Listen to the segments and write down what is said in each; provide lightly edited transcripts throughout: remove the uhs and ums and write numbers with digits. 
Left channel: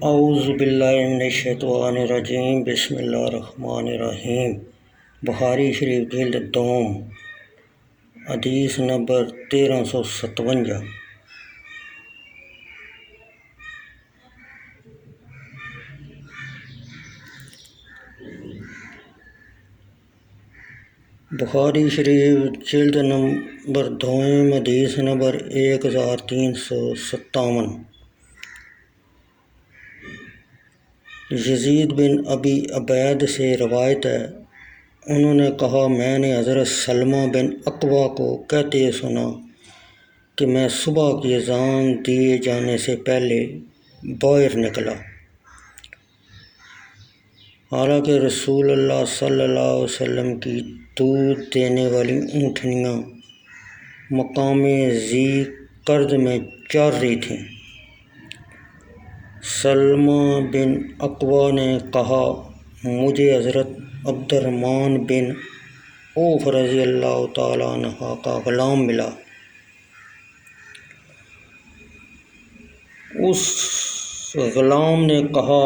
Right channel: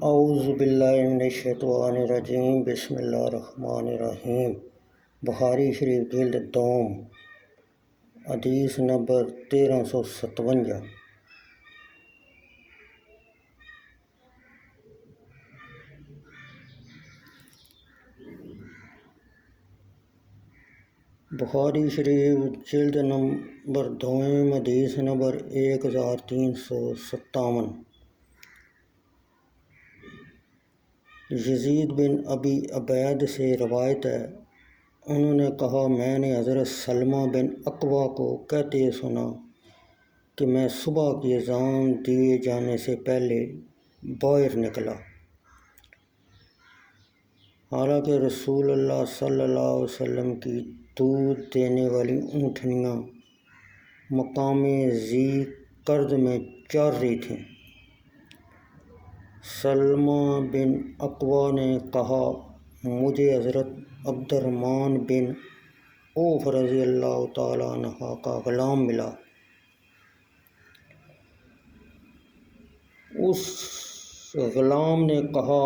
اعوذ باللہ من الشیطان الرجیم، بسم اللہ الرحمن الرحیم۔ بخاری شریف جلد دوم، حدیث نمبر 1357۔ بخاری شریف جلد نمبر دوم، حدیث نمبر 1357۔ یزید بن ابی عبید سے روایت ہے، انہوں نے کہا میں نے حضرت سلمہ بن اکوع کو کہتے سنا کہ میں صبح کی اذان دیے جانے سے پہلے باہر نکلا، حالانکہ رسول اللہ صلی اللہ علیہ وسلم کی دودھ دینے والی اونٹنیاں مقام ذی قرد میں چر رہی تھیں۔ سلمہ بن اکوع نے کہا مجھے حضرت عبد الرحمن بن عوف رضی اللہ تعالیٰ عنہ کا غلام ملا، اس غلام نے کہا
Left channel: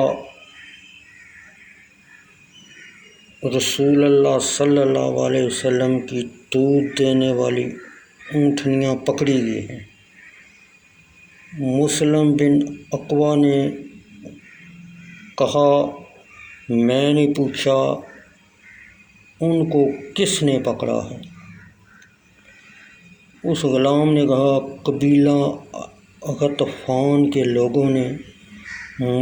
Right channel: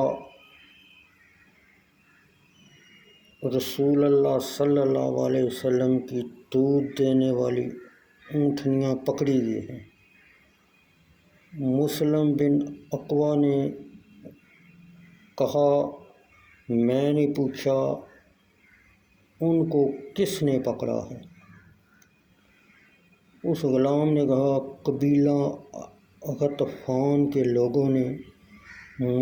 رسول اللہ صلی اللہ علیہ وسلم کی دودھ دینے والی اونٹنیاں پکڑی گئی ہیں۔ مسلم بن اکوع نے کہا میں نے پوچھا ان کو کس نے پکڑا ہے؟ اس غلام نے کہا قبیلہ غطفان کے لوگوں نے۔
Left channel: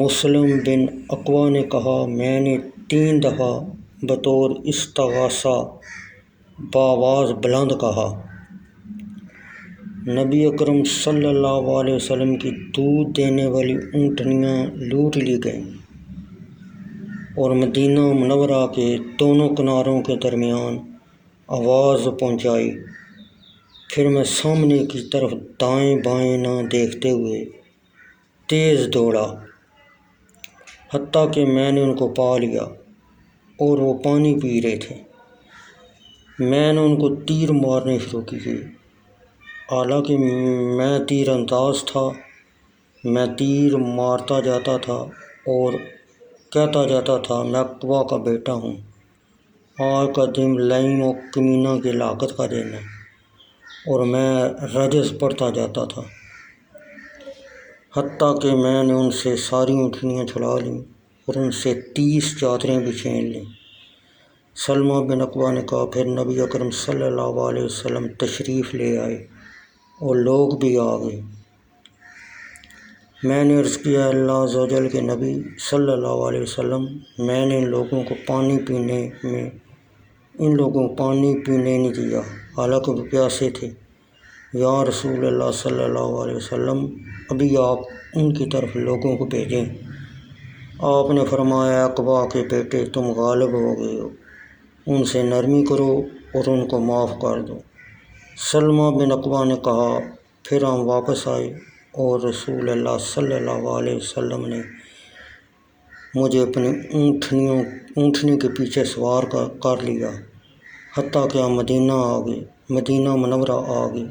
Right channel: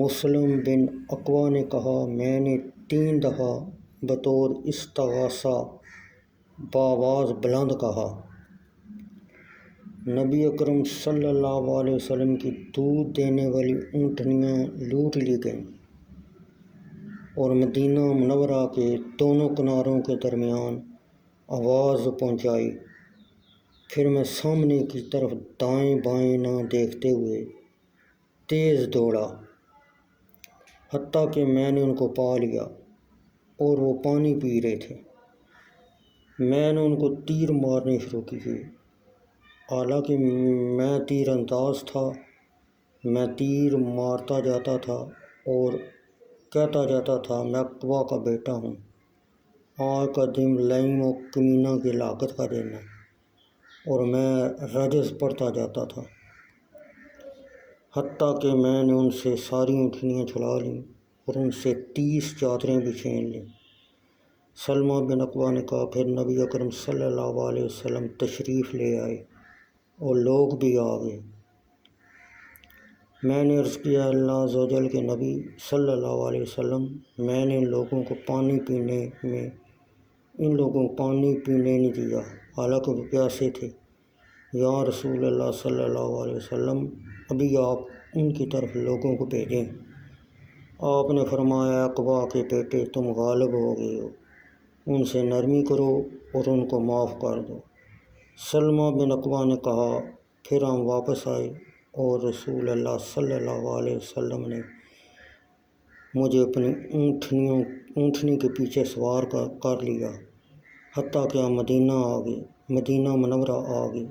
مسلم بن اکوع نے کہا میں نے 3 دفعہ بطور استغاثہ بآواز بلند کہا، نبی اکرم صلی اللہ علیہ وسلم کی دودھ دینے والی اونٹنیاں لوٹ لی گئیں اور مدینہ منورہ کے دونوں کناروں کے درمیان آواز پہنچائی۔ پھر میں سامنے کی طرف دائیں بائیں نہ دیکھتے ہوئے تیز دوڑا، حتیٰ کہ میں نے ان کو پا لیا اور وہ پانی پی رہے تھے۔ میں نے ان کو تیر مارنے شروع کیے، حالانکہ میں تیر انداز تھا۔ میں تیر مارتا جاتا تھا اور کہتا جاتا تھا میں اکوع کا بیٹا ہوں، آج کا دن لئیم و کمینہ کی ہلاکت کا دن ہے، اور میں رجز پڑھتا جاتا تھا، حتیٰ کہ میں نے ان سے ساری اونٹنیاں چھڑا لیں اور ان سے 30 چادریں بھی چھین لیں۔ سلمہ بن اکوع نے کہا پھر نبی اکرم صلی اللہ علیہ وسلم تشریف لے آئے اور لوگ بھی آ گئے۔ میں نے عرض کیا اللہ عز و جل کے نبی صلی اللہ علیہ وسلم، میں نے ان لوگوں کو پانی پینے نہیں دیا، حالانکہ وہ پیاسے تھے۔ یا رسول اللہ صلی اللہ علیہ وسلم، ابھی آپ ان کی طرف لوگوں کو بھیجیں۔ آپ نے فرمایا اکوع کے بیٹے تم غالب ہو گئے ہو، ان سے نرمی کرو اور ان کو معاف کر دو۔ سلمہ بن اکوع نے کہا پھر ہم واپس آئے اور رسول اللہ صلی اللہ علیہ وسلم نے مجھے اپنی اونٹنی کے پیچھے سوار کر لیا، حتیٰ کہ ہم مدینہ منورہ آ گئے۔